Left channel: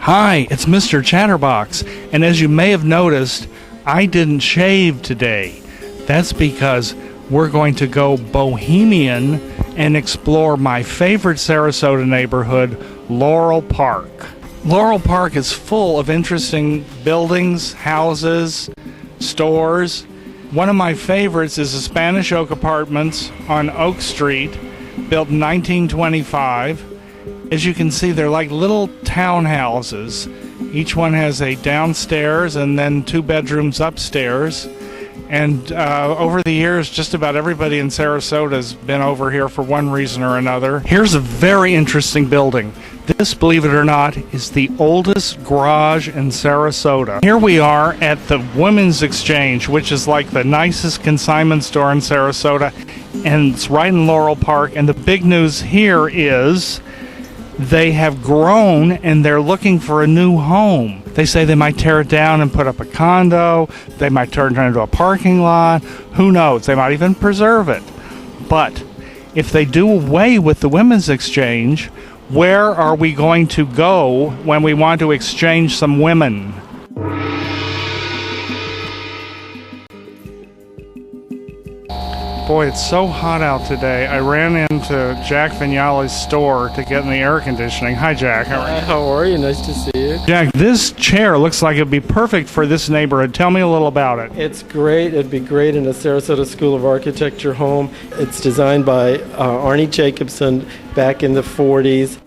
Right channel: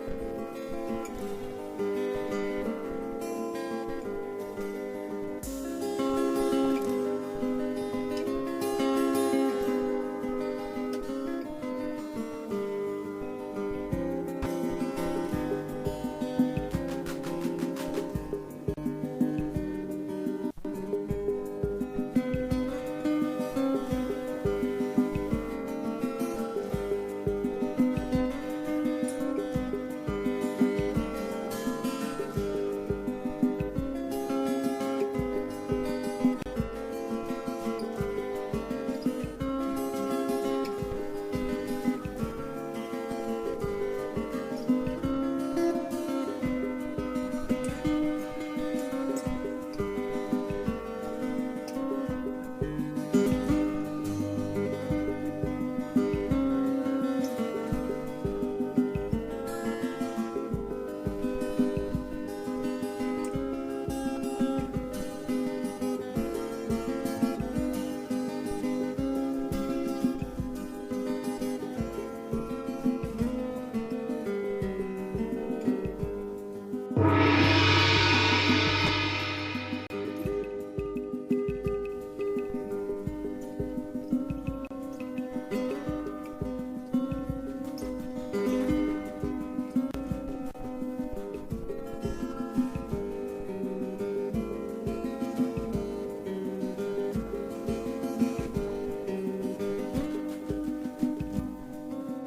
Hi, it's Mr. Chatterbox, and as you may have noticed, I didn't shave today. That's because we're going to go bohemian and explore my favorite Sarasota neighborhood, Laurel Park. Laurel Park is full of interesting buildings, houses, stores. One of my favorites is the Spanish Oak Apartments on Oak Street, built in 1925. As you can see, they're like little townhouses. Each one has a downstairs and then 2 bedrooms upstairs. And over the years, just about everybody in Sarasota has been over here for one reason or another. Here's a very interesting building. This, believe it or not, is the oldest garage in Sarasota. Here we are at the Women's Exchange, which is like the nicest consignment store in Sarasota, and it's right in Laurel Park. And the big news here is they have grown and they're looking for a new home. They say they might tear it down and put up a condo. They might turn it into a parking lot. Who knows? They might even preserve it. But if they do away with the Women's Exchange, where are we going to go when we want to exchange some women? Boy, it's so hot out today. I ran into Jack Vignali's store to get in the air conditioning. Hi, Jack. How are you? Nice to see you. Jack, this chair looks like it'd be perfect for this neighborhood. Tell me a little about it. It's great. It'd be great in a Sarasota School of Architecture home. It's designed by Arnie Jacobson back in the 40s.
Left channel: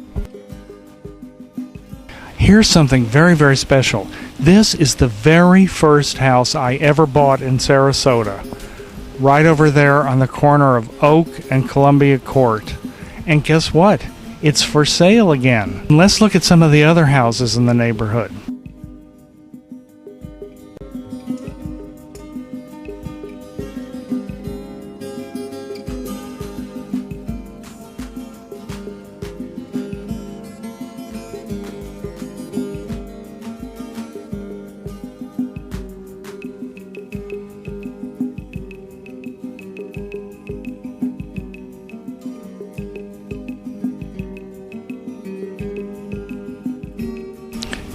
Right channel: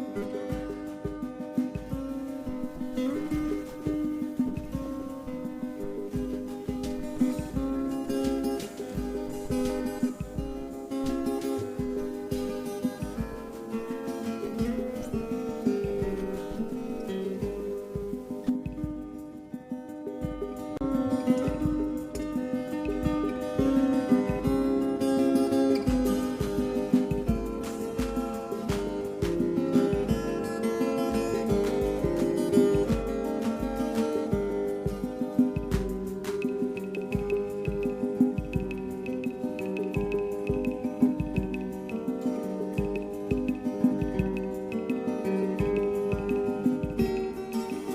Here's something very, very special. This is the very first house I ever bought in Sarasota. Right over there on the corner of Oak and Columbia Court. And guess what? It's for sale again. Let's look at some of the other houses in the neighborhood.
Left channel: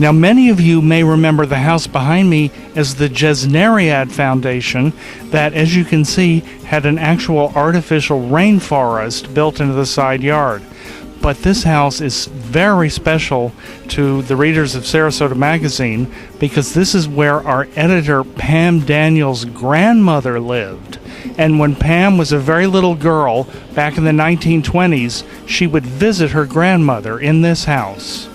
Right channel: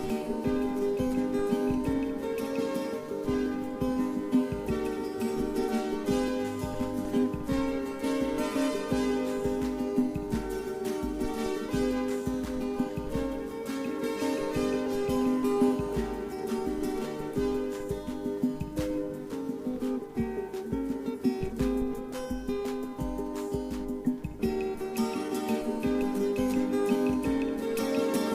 Now, many of you may remember the house behind me as the Jesneriad Foundation that, as you can see, had an actual artificial rainforest built into the side yard. But this house is very special to the readers of Sarasota Magazine because this is where our editor Pam Daniels' grandmother lived. And when Pam was a very little girl back in the 1920s, she would visit her grandmother in this house.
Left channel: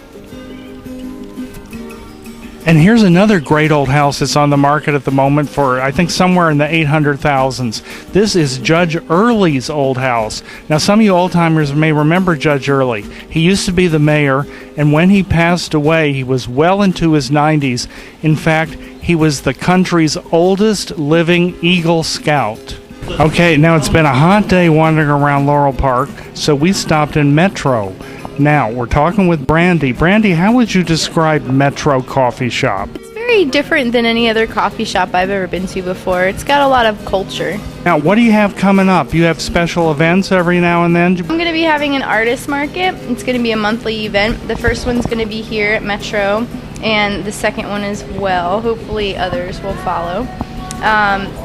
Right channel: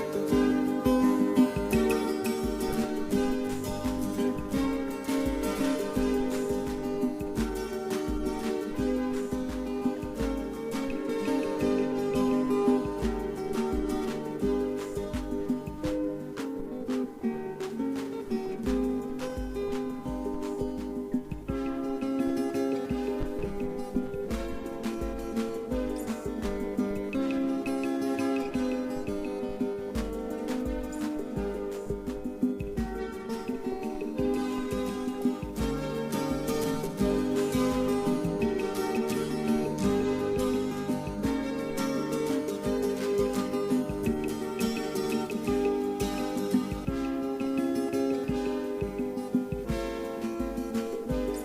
And here's another great old house that's on the market at the moment for, I think, somewhere in the 800,000s. This is Judge Early's old house. Now, some of you old-timers may remember Judge Early. He used to be the mayor, and when he passed away, he was well into his 90s. In fact, he was the country's oldest living Eagle Scout. Okay, now it's been a hot day wandering around Laurel Park, so we stopped in Metro. Now, we're talking with Brandy. Brandy, how would you describe Metro Coffee Shop? It's very different than any other coffee shop I've ever been to before. It's got a lot of culture. Now, what do you have coming up? You have special events every now and then? I'm going to be having an artist market. It's going to be a monthly event. The first one's going to be here at Metro, and the second one as well. Hopefully others will follow.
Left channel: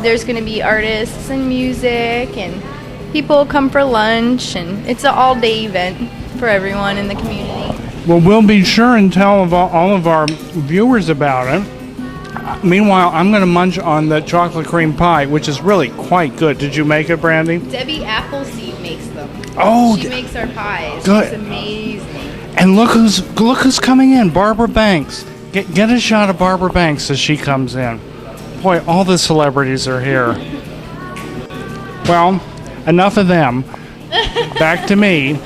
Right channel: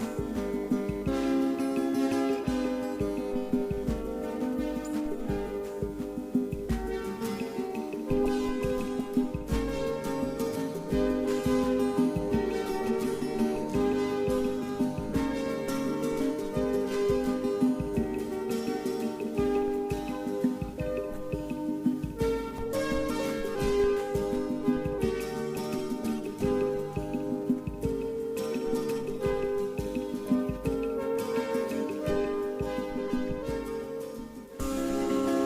There's going to be artists and music, and people come for lunch, and it's an all-day event for everyone in the community. Well, we'll be sure and tell all of our viewers about it. Meanwhile, I'm going to munch on the chocolate cream pie, which is really quite good. Did you make it, Brandy? Debbie Appleseed makes them. Oh, she makes our pies. Good. It's amazing. And look who's coming in, Barbara Banks. Get a shot of Barbara Banks as she comes in. Boy, all the celebrities are here. Well, enough of them. Back to me.